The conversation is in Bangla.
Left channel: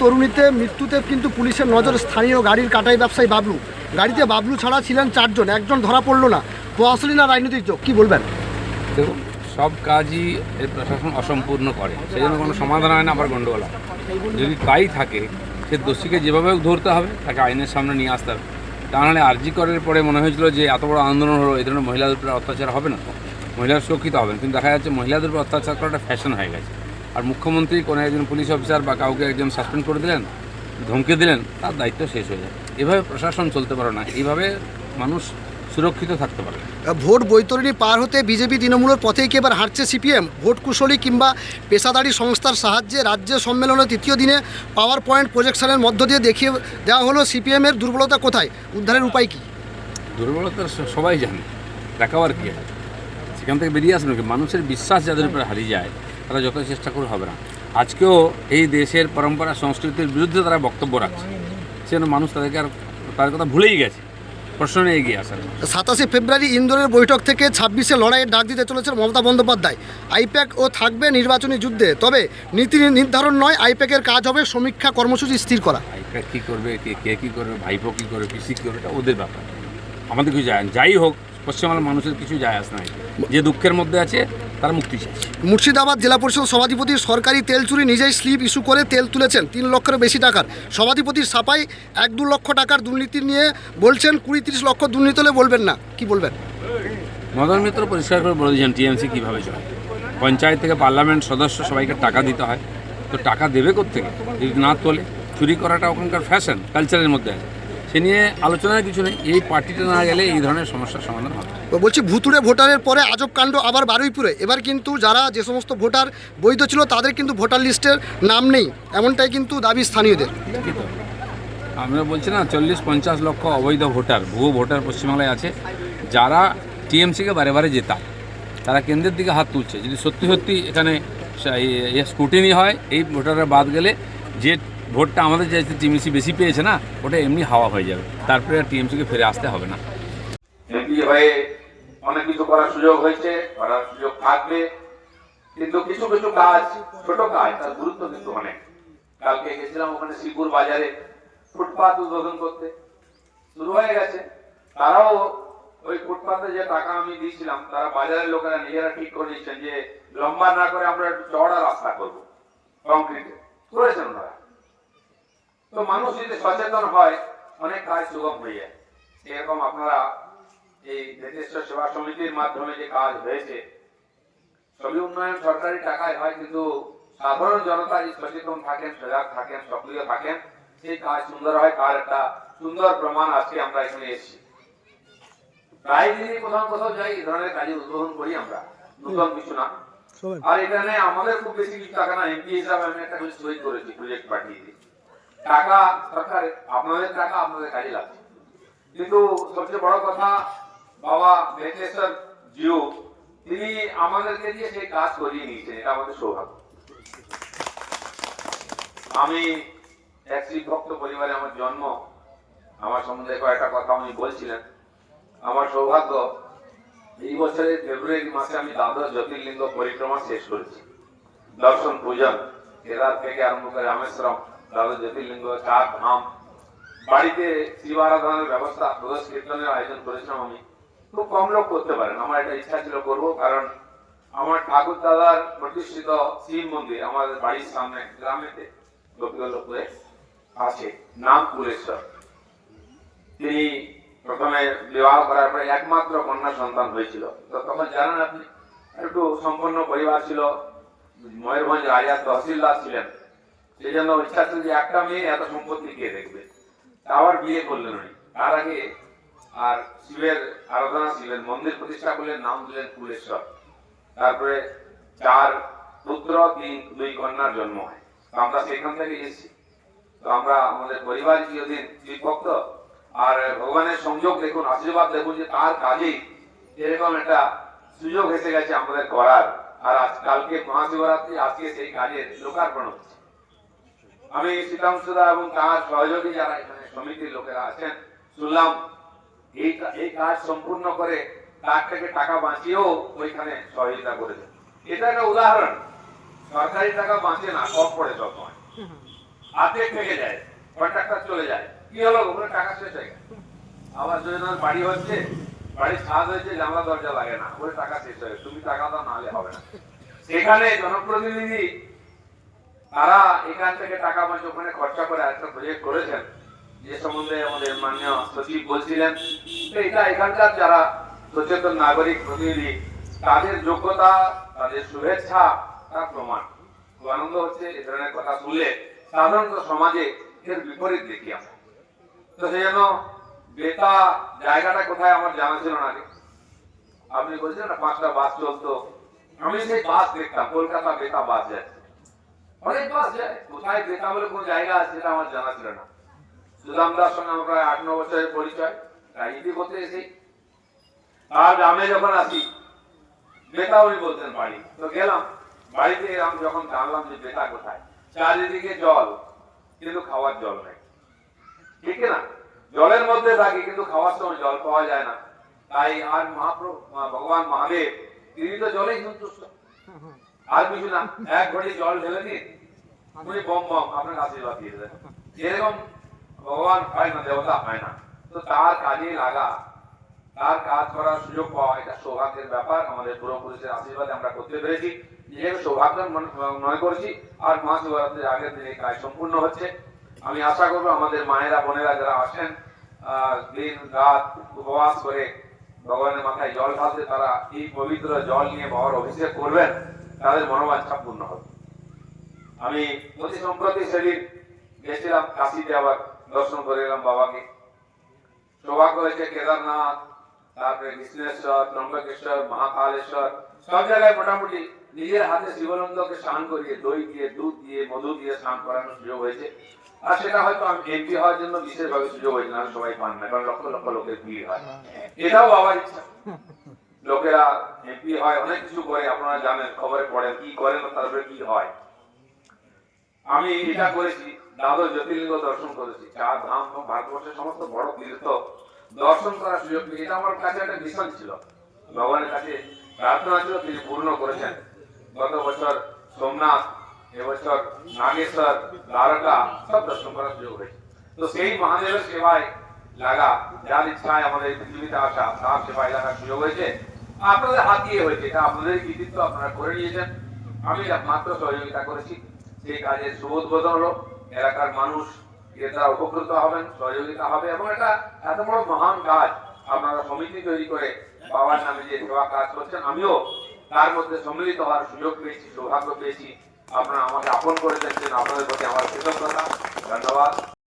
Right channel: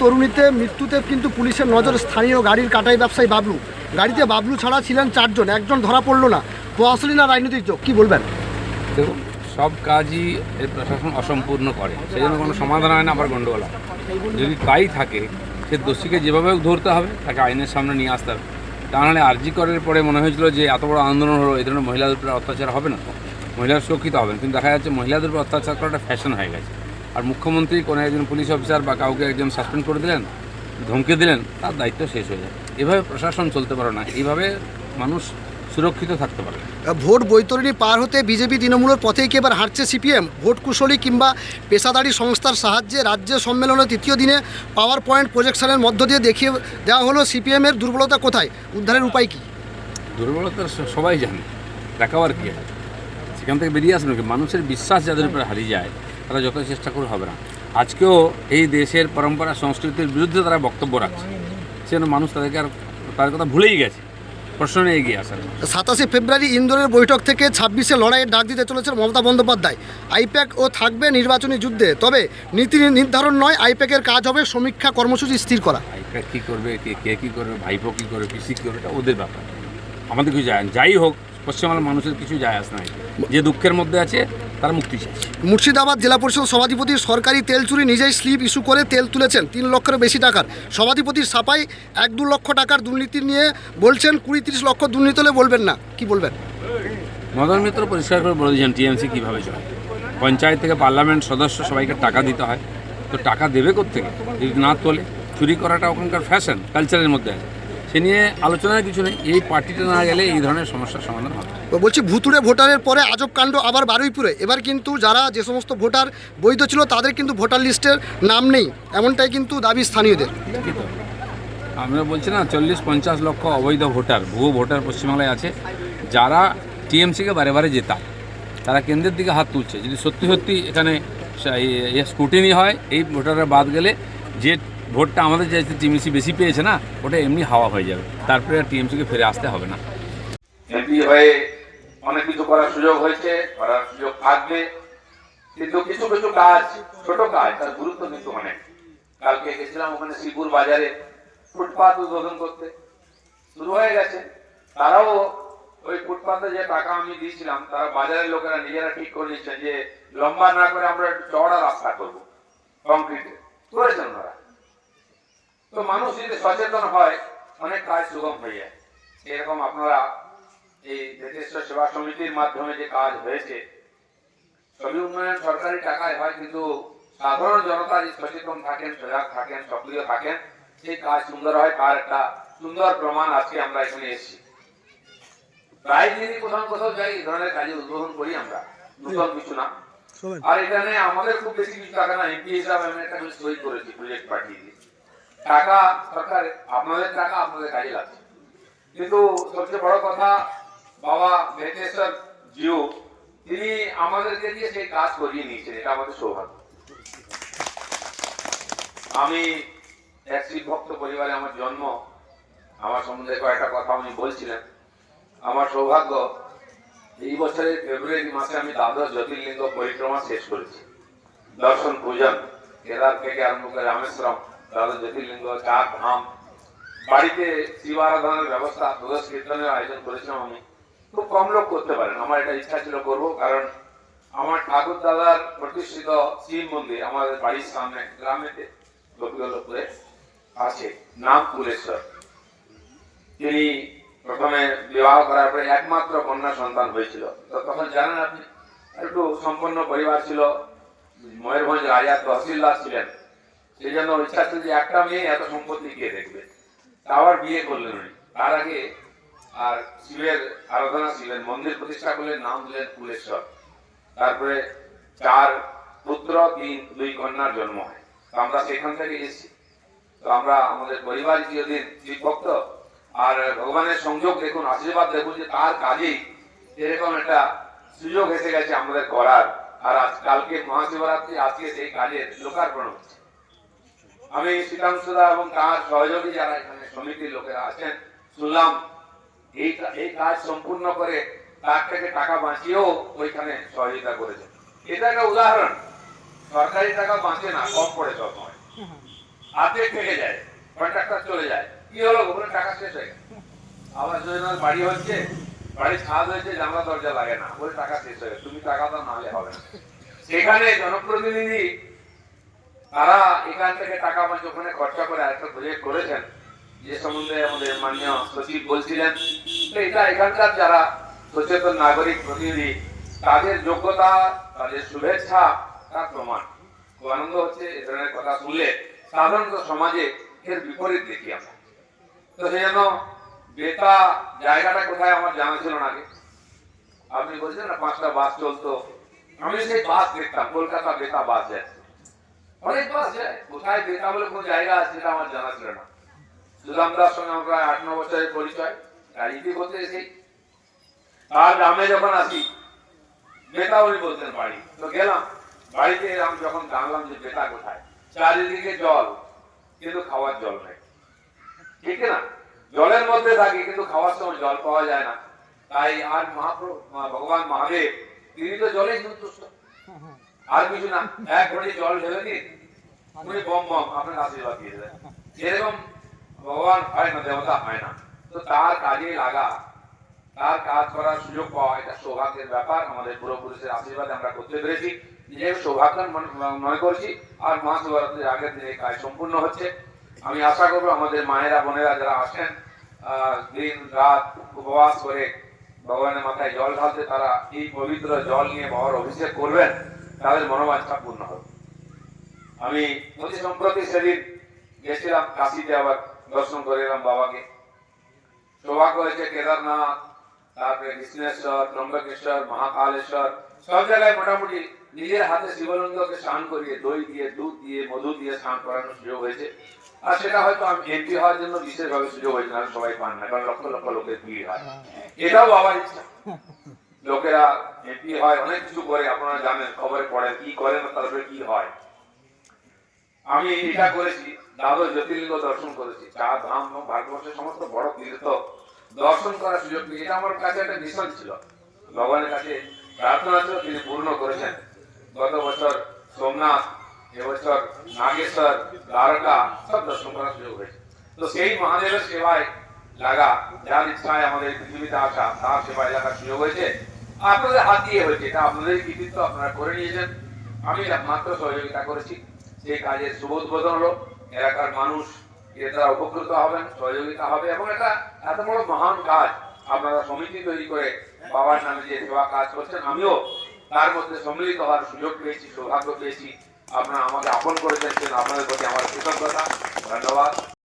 তরুণীতে মৃত্যুতে কিন্তু পুলিশের নজর স্থানীয় গাড়ির কাটাই ব্যবসায়ী বাবলু। গাড়িতে বাবলু ছাড়া ছিলেন 4 জন, একজন ধরা পড়লো না। প্রশাসনী না রাজনৈতিক যোগ, কী বলবেন? দেখুন, সব কাজই এর প্রশাসন অসম্পূর্ণ করে, সেই জন্য কোনো সমাধান হয় না, আবার গণ্ডগোল হয়। যদি তাই থাকে, সে দোষীকে যেভাবে হোক ধরতে হবে, তাকে আইনের সামনে নিয়ে আসতে হবে। তা নাহলে আরজি করের পরে মনে হয়েছিল যে এত বড় আন্দোলন হলো, এই ধরনের মহিলাদের উপরে অত্যাচার হবে না, মহিলারা সুরক্ষিত হবেন, কিন্তু দেখা যাচ্ছে মহিলাদের উপর অত্যাচার করাটা ফ্যাশন হয়ে গেছে। আর মুখ্যমন্ত্রী কোনো একজন পুলিশ অফিসার বা কাউকে একজন সাসপেন্ড করে দিলেন, ধমকে দিলেন, তার দায়িত্ব শেষ হয়ে যায়। এভাবে প্রশাসন চলতে পারে না, এইভাবে মানুষ সুরক্ষিত থাকতে পারে। ভোট বৈতরণী পার হতে বিজেপি তৃণমূলের পথেই কি এবার হাঁটছে সিপিএম? ভোট কুশলী কিংবা পেশাদারি সংস্থার সাহায্যে রাজ্য সম্মেলনের তৃতীয় দিনে পাওয়ার পয়েন্ট প্রজেকশনের মধ্য দিয়ে দেখিয়ে দেওয়া হলো সিপিএমের দুর্বলতা কোথায়, উদ্ধারের উপায় কী? দুর্বলতা সবাই জানে, দেখাবার কী হয়, সেখান থেকে বেরিয়ে আসবে কি? মানুষের বিশ্বাস যাদের উপরে হারিয়ে যায়, তারা যত চেষ্টা করে হবে না। আজকেও এই দেশের পরম্পরা সংস্কৃতির বিরুদ্ধে তারা বক্তব্য রাখছে, সেজন্য মানুষ তাদেরকে আর তার কথা ভুলেই গেছে, প্রশ্ন নিয়ে এগিয়ে আসার। 27 ফেব্রুয়ারি ইন্দোরের বৈঠক থেকে 26-এ লড়াইয়ের ডাক দিতে চলেছেন মমতা বন্দ্যোপাধ্যায়। আইপ্যাক ও থাকবে নির্বাচনী যুদ্ধে, তবে নীতি নির্ধারণ নয়, আইপ্যাকের কাজ হবে সমীক্ষা কর্মসূচি স্থির করা। আইপ্যাক কী করবে, কে কী করবে, ভাইপো কী করবে, পিসি কী করবে, এটা ওদের ব্যাপার, আমাদের কিছু যায়, যাই হোক পশ্চিমবাংলার মানুষের কিছু যায় আসে না। যে দুঃখের মধ্যে আছে তারা মুক্তি চাইছে। মুর্শিদাবাদ জেলা পরিষদ সভাধিপতির সরকারি তেল চুরি, নিজেই স্লিপ ইস্যু করে তেল তুলেছেন 3 লক্ষের বেশি টাকার। সভাধিপতির সাফাই 1-2 লক্ষ টাকার দুর্নীতি নিয়ে বলছেন 20-30 লক্ষ দুর্নীতি হলে বলবেন না, কি বলবেন? মদন মিত্র পরিষ্কার করে বলে দিয়েছেন টিএমসি কীভাবে চলে। পঞ্চায়েত থেকে পার্লামেন্ট সদস্য সবাইকে টাকা দিতে হয়, তো টাকা দেবে কোত্থেকে যদি না তোলে? চুরি করাটা ওখানকার ফ্যাশন, কালচারের মধ্যে আছে, সে নিয়ে আলোচনার কিছু নেই। এই পার্টিটা না গেলে এই ধরনের সমস্যার সমাধান হবে। বলছি, ভুতুড়ে ভোটারের পরে আজব কাণ্ড আবার বারুইপুরে। এবার কিন্তু যে সমস্ত ভোটার বৈধ ছিল তাদের কিন্তু ভোটার লিস্টের নাম নেই, এমনটাই কিন্তু দাবি স্থানীয়দের। আমরা বলছি না, 40-50 লক্ষ অবৈধ ভোটার, ভুয়ো ভোটার পশ্চিমবাংলায় আছে, যারা টিএমসিকে বারে বারে জেতায়, তারা কেন্দ্রের দিকে হাত তুলছে। যদি সত্যি সত্যি এখানে স্ক্রুটিনি হয়, এই ভোটাররা বাদ গেলে যে ভোটটা আমাদের যে টিএমসি বেশি পেয়েছে না, ওটা এমনি হাওয়া হয়ে যাবে, তারপরে আর টিএমসিকে ফিরে আসতে হবে না। এমপি হয়ে অনেক কিছু করার সুযোগ হয়েছে, করার সুযোগ থাকবে, কিন্তু কিছু কিছু কাজ, ছোট কাজ, তার গুরুত্ব কিন্তু অনেক। কালকে গেছিলাম ওখানে শ্রীপুর বাজারে ফুটপাত উদ্বোধন করতে, শুরু হয়ে গেছে। তারাও ওই ফুটপাতে যে টাকা আমি দিয়েছিলাম, তারা বাজারের লোকেরা নিজেরা ঠিক করে নিচ্ছেন যে লম্বা না করে আমরা একটু চওড়া রাস্তা করবো, কংক্রিটে করেছেন ওনারা। তো মানুষ যদি সচেতন হয়, অনেক কাজ সুগম হয়ে যায়। এরকম আপনারা এই বেতেশ্বর সেবা সমিতির মাধ্যমে যে কাজ হয়েছে, সবই উন্নয়ন সরকারি টাকায় হয়, কিন্তু সাধারণ জনতা যদি সচেতন থাকেন, সজাগ থাকেন, সক্রিয় থাকেন, সেই কাজ সুন্দর হয়। তার একটা সুন্দর প্রমাণ আজকে আমরা এখানে এসেছি। প্রায় দিনই কোথাও কোথাও যাই, এই ধরনের কাজে উদ্বোধন করি আমরা, নতুন কিছু না। আর এখানে আমাদের খুব বেশি কিছু টাকা না, এমপি হিসাবে আমি একটা সই করেছি, প্রজেক্ট পাঠিয়ে দিই। টাকা সরকার, আপনাদের টাকা আপনাদের কাজে লাগছে। কিন্তু সবচেয়ে বড় কথা, বাবা বেতেশ্বর জিও তিনি আমাদেরকে দিয়ে সেই কাজ করিয়ে নিয়েছেন, এটা আমাদের সৌভাগ্য। আমি এক শিব ভক্ত পরিবারে আমার জন্ম, আমার সম্বন্ধে কয়েকটা কথা উনি বলছিলেন। আমার সৌভাগ্য, এই বছরের ফেব্রুয়ারি মাসে আমি দ্বাদশ জ্যোতির্লিঙ্গ পরিক্রমা শেষ করেছি। দর্শন পূজন, কেদার থেকে আরম্ভ করে রামেশ্বরম, দ্বাদশ জ্যোতির্লিঙ্গ, 4 ধাম। বাড়িতে শিব আরাধনার ব্যবস্থা, প্রদোষ কীর্তনের আয়োজন করেছিলাম আমি। খুব কম লোক করতে পারেন, আমার এটা ইচ্ছা ছিল করবো, কারণ আমার ঠাকুর দাদার প্রতিষ্ঠিত শিব মন্দির আমাদের বাড়ির সামনে গ্রামেতে গোপীবল্লভপুরে আছে, নাম কুলেশ্বর। তিনি প্রথমে বিবাহ করার পরে একমাত্র কন্যা সন্তান হয়েছিল। তো তখন জানেন আপনি, একটু সম্পন্ন পরিবার ছিল, ময়ূরভঞ্জ রাজা তহসিলদার ছিলেন, সেই জন্য ইচ্ছা ছিল যে একটা মেয়ে এত সম্পত্তি কে দেখবে। আবার বিয়ে করলেন উনি। তার আগে আর শিবের আরাধনা, শিবের মন্দির প্রতিষ্ঠা করলেন, নাম দিলেন কুলেশ্বর। তারপরে 4 পুত্র 2 কন্যার জন্ম হয়। তো আমরা সেখান থেকে এসেছি। তো আমরা আমাদের পরিবার চিরদিন শিব ভক্ত, আর ভগবানের সংযোগ দেখুন, আশীর্বাদ দেখুন যে তার কাজেই এরকম একটা সুযোগ এসে গেছে আমাদের করার। আর আজ কালকে মহাশিবরাত্রি, আজকে সেই কাজের লোকার্পণ হচ্ছে। আমি শীতাংশুদা এবং তার সহযোগী যারা এখানে সমিতির লোকেরা আছেন, শুনলাম এই কাজ সম্পূর্ণ করে তার থেকে টাকা বাঁচিয়েও ওইখানে সহযোগিতা করেছে। এটা একটা উদাহরণ, সরকারি টাকা বাঁচে না, কম পড়ে সবসময়। অর্ধেক থেকে যায়, কন্ট্রাক্টর চলে যায়, কি হলো ওখানে টাকা শেষ হয়ে গেল। আবার যোজনার বাড়ি হচ্ছে, বাড়ির ছাদ হয়েছে, জানলা দরজা লাগে না, ওই টাকা শেষ হয়ে গেল, তুমি টাকা দাও নাহলে হবে না। সেখানে জনপ্রতিনিধি তারা এখান থেকে টাকা পয়সা ওখানে খরচা করে একটা প্রজেক্ট করেছেন, যে সম্বন্ধে আমাদের মাননীয় সচিব বলছিলেন। এটা এখানকার যারা সচেতন নাগরিক প্রতিনিধি, তাদের যোগ্যতা, তাদের শুভেচ্ছা, তার প্রমাণ। খুব আনন্দ হচ্ছে এ ধরনের কথা শুনলে। সাধারণত সমাজে এর বিপরীত দেখি আমরা। তো সেই জন্য বেতা জায়গাটা কোথায় আমার জানা ছিল না আগে। আপনি বলছেন না 5টা বাস চলতো, আমি সেই বাস দেখতাম, কলকাতা বেতা বাস যাচ্ছে, অনেক বাস যায়। কোথায় বেতা বলে কোন জায়গা আছে সেটা আমার জানা ছিল না। সুদামদার সঙ্গে আমরা 8-9 বছরের পরিচয়, রাজনীতি করতে এসেছি। আর গ্রামে যখন আসি বেতা উনি বলতেন বাড়ি, তো গেলাম বাড়িতে, আমি যখন জানলাম যে বেতা কোথায়, চারিদিকে জল কিন্তু খাওয়ার জল নাই, ঠিক না? জলের মধ্যে থাকি কিন্তু খাওয়ার সময় জল পাওয়া যায় না। তাই আর মহাপ্রভু ভগবান মহাদেব তিনি তো জলে সন্তুষ্ট, আর কিছু না। এক ঘড়ি জল ঢেলে দিন, উনি বম বম আপনার আশীর্বাদ দিয়ে দেন। যেরকম ভগবান হয় না, দেবতা হয় না, তো তার কাজে লাগা, তার কাজ করার সুযোগ পাওয়া, এটা সৌভাগ্যের ব্যাপার। আমাদের পূর্বপুরুষের আশীর্বাদে আমরা করতে পেরেছি, নিজেকে সৌভাগ্য মনে করছি। আর মহাশিবরাত্রির আগের দিনে কাজ সম্পূর্ণ হচ্ছে। আমি আশা করবো আমাদের মায়েরা বোনেরা যারা আসেন দিন রাত উপবাস করে ভগবানের মাথায় জল ঢালতে, তারা এই পবিত্র জল নিয়ে বাবার অভিষেক করবেন, তাদের মনোবাঞ্ছা পূর্ণ হবে। আমি অতি সম্প্রতি সেদিন গেছিলাম কাশিতে, আবার দর্শন করে এলাম বাবাকে। সৌভাগ্য হয়েছে কেদারনাথ, তারপরে কৃষ্ণেশ্বর, ত্রম্বকেশ্বর, মহাকালেশ্বর, সব জায়গায় মোটামুটি নিজের হাতে শিবলিঙ্গকে স্নান করিয়ে দই দিয়ে, দুধ দিয়ে, মধু দিয়ে স্নান করানোর সুযোগ হয়েছে। আর সেটা হয়তো আমি এমপি হওয়ার জন্য বিশেষভাবে সুযোগ হয়েছে না, সবাই পান না, কারণ লক্ষ লক্ষ লোকের ভিড় হয়। এটাও বাবার ইচ্ছা। লোকেরা এমপি হয়, অনেক কিছু করে, আপনারা জানেন, খবরে পড়েন কি করেন, তারপরে কি হয়। আমি এটা করেছি, দ্বাদশ জ্যোতির্লিঙ্গ দর্শন করেছি, 4 ধাম এবং ভারতবর্ষের সমস্ত বড় তীর্থ দর্শন করার সুযোগ পেয়েছি। এটা আমার কাছে একটা মিশন ছিল, ভগবানের কাছে প্রার্থনা ছিল, তিনি পূর্ণ করেছেন। গত বছর সোমনাথ, এবছর নাগেশ্বর, দ্বারকা সব দর্শন করার সুযোগ হয়েছে। তো সেই মহাদেবের সেবায় লাগা, যার ইচ্ছায় আমাদের পৃথিবীতে আসা, তার সেবায় লাগার সুযোগ হয়েছে। আপনাদের হাত দিয়ে হয়েছে, এটা আপনাদের কৃতিত্ব, আপনারা করে নিয়েছেন। আমি মাত্র সহযোগিতা করেছি। সেই কাজের শুভ উদ্বোধন হলো, এলাকার মানুষ এর দ্বারা উপকৃত হবেন, সহযোগিতা হবে, এবং এটা এত বড় মহান কাজ আপনারা সমিতি তৈরি করে বাবার নামে যে সেবা কাজ করছেন, আমিও তার মধ্যে সম্মিলিত হওয়ার সুযোগ পেয়েছি, সৌভাগ্য পেয়েছি। আপনারা আমাকে আপন করে দেখছেন, আপনাদের প্রতি আমার কৃতজ্ঞতা, ধন্যবাদ।